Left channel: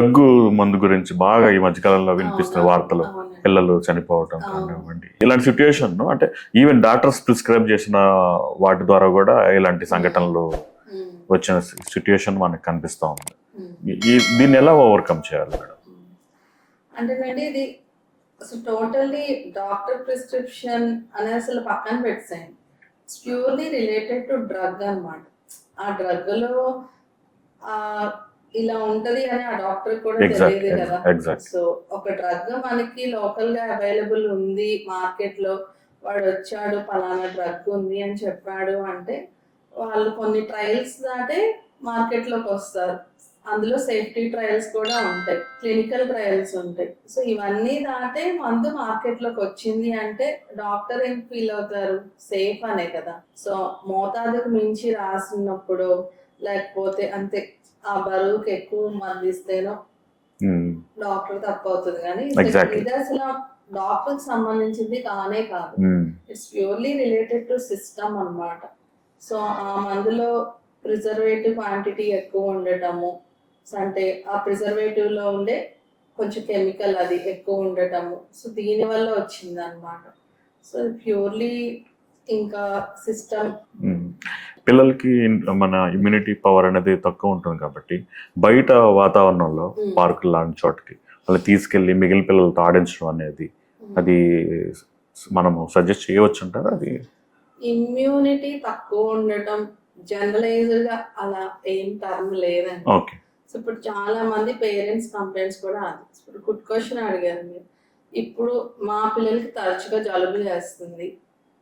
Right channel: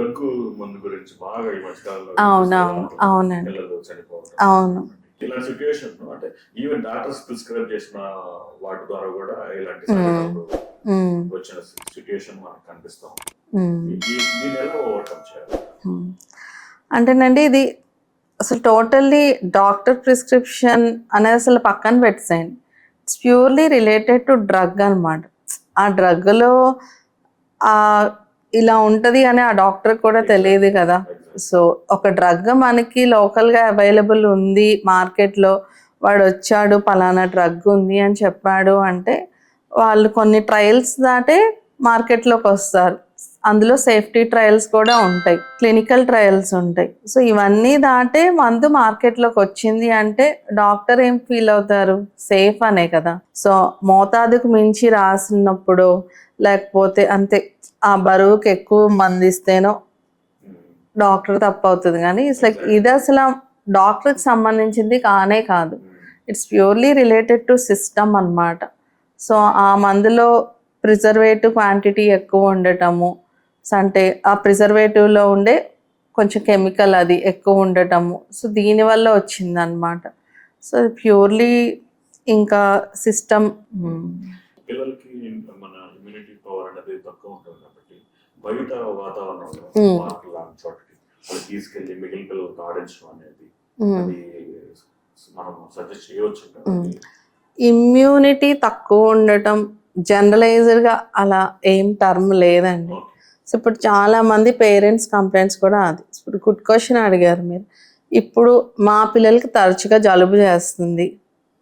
దగ్గు మందు గురించి బాగా ఈ మధ్యకాలంలో వినిపిస్తున్న వార్తలు, అవునండి. పిల్లలు చనిపోవటం అవును. కానివ్వండి. ఇలాంటి సిచ్యుయేషన్ అంటే ఈవెన్ డాక్టర్స్ ప్రిస్క్రైబ్ చేసిన వాటి ద్వారా కూడా ఇలాంటి సంఘటనలు వచ్చిన సిచ్యుయేషన్ మనకు కనిపిస్తా ఉంది. దీన్ని ఎలా ఓవర్కమ్ చేయాలి మేడం? అంటేనండి ఇది అసలు టోటల్లీ డాక్టర్ ప్రిస్క్రిప్షన్ అనేది అసలు పక్కన పెట్టేసేయండి. It's purely related to drug అనమాట. ఆ డ్రగ్లో ఇలా ఉంటుంది అని ఆ డాక్టర్ కూడా తెలియదు కదా. సో ఒక డ్రగ్ మనకి లోకల్గా అవైలబుల్ ఉంది మార్కెట్లో, వాడు వచ్చాడు పలానా డ్రగ్ ఉంది అని చెప్పాడు అంటే వాళ్ళు కొన్ని ట్రయల్స్ దాటే మార్కెట్లోకి వస్తారు. అందులో సేఫ్టీ ట్రయల్స్ కూడా ఉంటాయి, క్లినికల్ ట్రయల్స్ ఉంటాయి. సో ఇవన్నీ దాటే మందు మార్కెట్లోకి వచ్చింది అంటే డాక్టర్ ఏం ఫీల్ అవుతారు, సేఫ్ అనే కదా. సో మోతాదుకు మించి రాసినప్పుడు లేకపోతే అంతే ఆ బరువుకి ఎక్కువ మంది ఇస్తేనో డాక్టర్ తప్పు అవుతుంది. కానీ ఇది అసలు డాక్టర్కి సంబంధించింది కానే కాదు. It's purely related to system అన్నమాట. సో ఆ మందులో ప్రిజర్వేటివ్ క్వాంటిటీ ఎక్కువ ఉండటము, అంటే ఆ ప్రిజర్వేటివ్లో ఉండే కొంచెం కెమికల్ అది ఎక్కువ ఉండటము, సో దీనివల్ల వచ్చిందనమాట. సో ప్యూర్లీ ఇంకా సిస్టమ్. పిల్లలకి మన ఇమ్యూనిటీ పవర్ అనేది తక్కువ ఉంటుంది కాబట్టి బయట వాతావరణంలో పార్కులు లాంటి చోటకి వాళ్ళు తీసుకెళ్లి మిగిలిన పిల్లలతో ఆడించడం అనేది అది మనము సజెస్ట్ చేయవచ్చు అంటారు. అది ఇమ్యూనిటీ తక్కువ ఉండటం జనరలైజ్డ్గా అలా ఏం టర్మ్ లేదండి. ఓకే. సో ఇప్పుడు చాలా మంది పేరెంట్స్ కంప్లైంట్స్ కూడా అది. ఇప్పుడు గుడ్ క్వశ్చన్ అడిగారు మీరు. ఇప్పుడు మా పిల్లలకి తరచుగా జలుబు చేస్తుంది,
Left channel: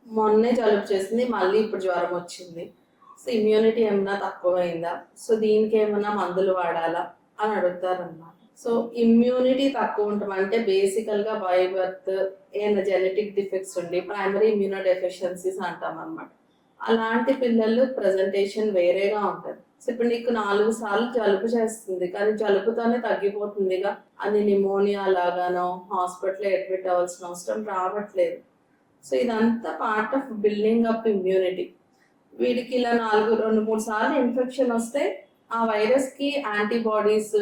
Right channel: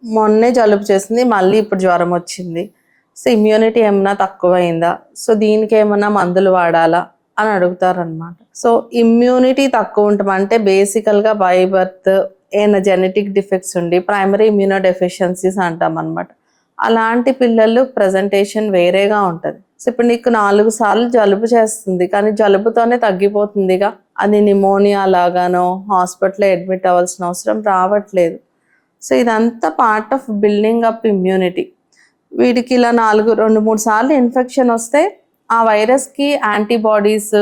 మొన్నే జలుబు చేసింది, మళ్ళీ ఇప్పుడు జ్వరం వచ్చింది. సో ఇమ్యూనిటీ ఏమన్నా తక్కువైందా, సో దీనికి ఏమన్నా మందులు వాడాలా అని అడుగుతారనమాట. సో ఇమ్యూనిటీ తక్కువ ఉంటాం అంటే బేసికల్గా బై బర్త్ ఏమైనా జెనెటిక్ డిఫెక్ట్స్ ఉండి ప్రైమరీ ఇమ్యూనో డెఫిషియన్సీస్ అంటాం అనమాట. అలాంటి పిల్లలు ప్రజెంటేషన్ వేరేగా ఉంటుంది. సో ఇప్పుడు నీకు 4 సార్లు జలుబు చేస్తుంది కానీ జలుబుతోనే తగ్గిపోతుందిగా, అది నిమోనియా లాగానో హాస్పిటల్లో అడ్మిట్ అవ్వాల్సిన అవసరం రావట్లేదు. సో ఇదంతా part of building up immunity. వీడికి ఇలా 2-3 సార్లు ఇన్ఫెక్షన్ వస్తే ఆ వైరస్కి యాంటీబాడీస్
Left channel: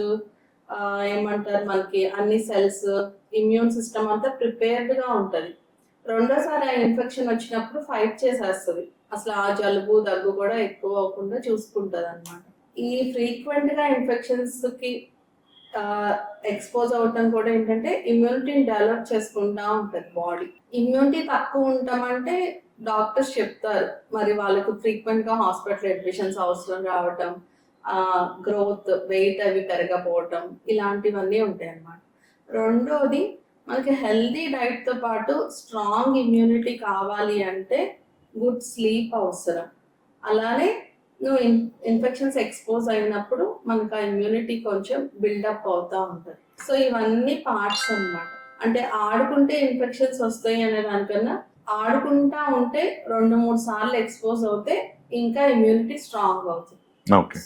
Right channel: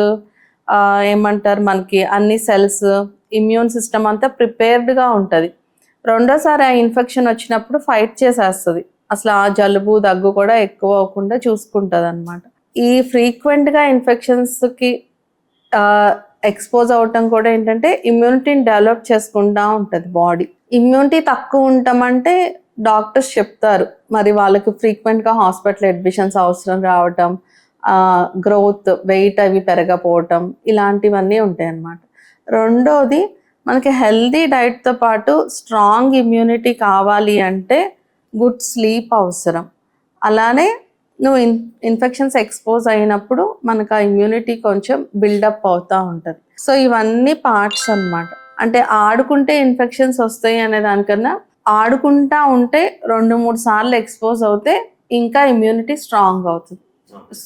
ఏమంటారు మనకి అన్ని సెల్స్ ఇమ్యూన్ సిస్టమ్ అంతా ప్రిపేర్డ్గా ఉంటుంది. రెండోసారి ఆ ఇన్ఫెక్షన్ వచ్చినప్పుడు ఫైట్ చేసేస్తుంది, అసలు ఆ జలుబు దగ్గు కూడా ఎక్కువ అవ్వకుండా చూసుకుంటుంది అనమాట. ఈ ఫ్రీక్వెంట్గా ఇన్ఫెక్షన్స్కి ఎక్స్పోజ్ అవ్వటం కూడా ఏంటంటే ఇమ్యూనిటీని డెవలప్ చేసుకుంటూ ఉంటుంది బాడీ. ఇమ్యూనిటీ తక్కువ ఉంటామంటే డాక్టర్స్ చెప్తారు మరి వాళ్ళకి ఫ్రీక్వెంట్గా హాస్పిటల్ అడ్మిషన్స్ అవసరం రావటం, గ్రోత్ వెయిట్ అవి పెరగపోవటం ఇలాంటివన్నీ ఉంటాయి అన్నమాట. రెండోది మనకి హెల్దీ డైట్తో పాటు స్ట్రాంగ్ ఇమ్యూనిటీ కావాలి అంటే గుడ్ స్లీప్ అవసరం. అలానే నువ్వు ఇన్ఫెక్షన్స్ ఎక్స్పోజ్ అయినప్పుడు మనకు ఆ ఇమ్యూనిటీ కొంచెం బిల్డప్ అవుతూ ఉంటుంది. సో ఇవన్నీ పార్ట్స్ అన్నమాట. అంటే ఆడుకుంటే ఇన్ఫెక్షన్స్ వస్తాయి అనే దానికన్నా ఆడుకుంటా ఉంటే 2-3 సార్లు ఎక్స్పోజ్ అవుతే ఇంకా ఇమ్యూనిటీ స్ట్రాంగ్ అవుతుంది.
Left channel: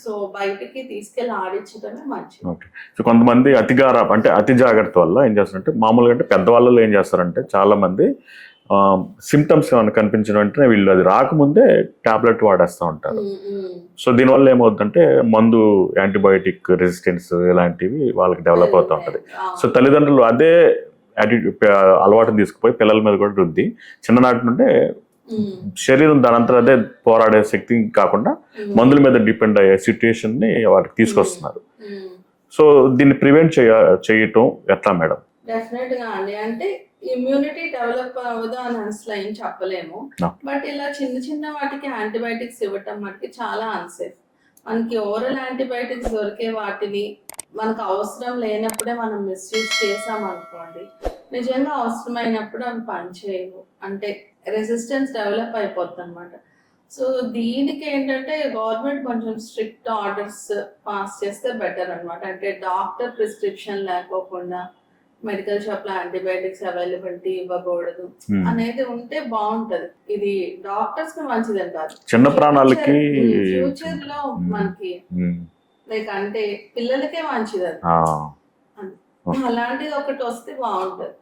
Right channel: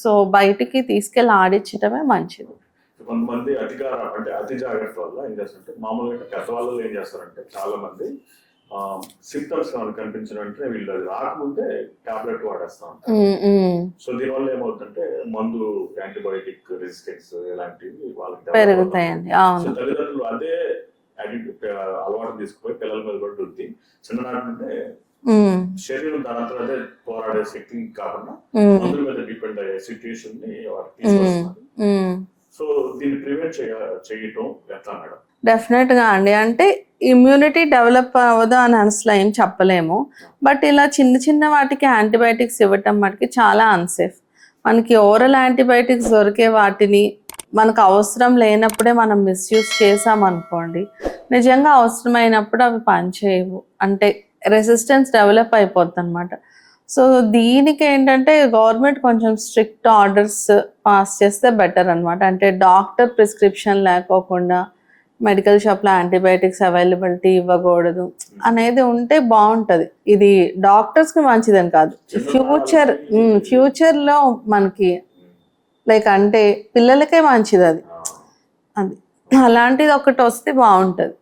సో బయటికి తీసుకెళ్ళి ఆడించడమే మంచిది. సో కొంతమంది అతి జాగ్రత్త వల్ల ఏం చేస్తారంటే మామూలుగా అంటే పెద్దవాళ్ళలో ఏం చేస్తారంటే చాలా మంది సిమ్టమ్స్ ఏమైనా కనిపించిన వెంటనే వీళ్ళు అది రాకముందే టాబ్లెట్ వాడేస్తూ ఉంటారు. సో దీనివల్ల ఏమవుతుందంటే మందు యాంటీబయోటిక్ రెసిస్టెన్స్ ఇలాంటివి వాళ్ళకి డెవలప్ అవుతా ఉంటాయి. సో తల్లిదండ్రులు అదే అలవాటుని తీసుకుపోయి పిల్లల మీద కూడా రుద్ది చిన్ననాటి నుండే శరీరం దానంతా అదే పోరాడే శక్తి కాకుండా మందుల మీద డిపెండ్ అయ్యే సిచ్యుయేషన్ ని వాటికి తీసుకొస్తున్నారు. సో దీన్ని ప్రివెంట్ చేయటం ఎట్లా మేడం? డెఫినెట్ గా అండి. అంటే ఇమ్యూనిటీ డెవలప్ అవ్వదు అని అసలు ఏం చెప్పలేము. బట్ ఇలా చిన్న వాటికి యాంటీబయాటిక్స్ ఇవ్వటం మటుకి చాలా అన్సేఫ్. మనకి ఓరల్ యాంటీబయాటిక్స్ దొరికే వాటిని మనకు అవసరం లేనప్పుడే మనం మిస్యూజ్ చేసామనుకోండి, నిజంగా అవసరమైనప్పుడు అవి పనిచేయవు, అంటే రెసిస్టెన్స్ డెవలప్ అయిపోద్ది అనమాట. సో దీనికి ఏంటంటే గవర్నమెంట్ కొంచెం స్ట్రిక్ట్ ఆర్డర్స్ పాస్ చేస్తే బెటర్ అనమాట. అంటే డాక్టర్ ప్రిస్క్రిప్షన్ లేకోకుండా మెడికల్ షాప్లో యాంటీబయాటిక్స్ అవైలబిలిటీ ఇవ్వకూడదు అనేది ఉంటే బాగుంటుంది. ఇది డాక్టర్స్కి మంచిదని కాదు, ఫ్యూచర్లో మనకి లైక్ అంటే పిల్లలకే మంచిది అది. అలాంటిది ఒకటి వస్తే బాగుంటుంది.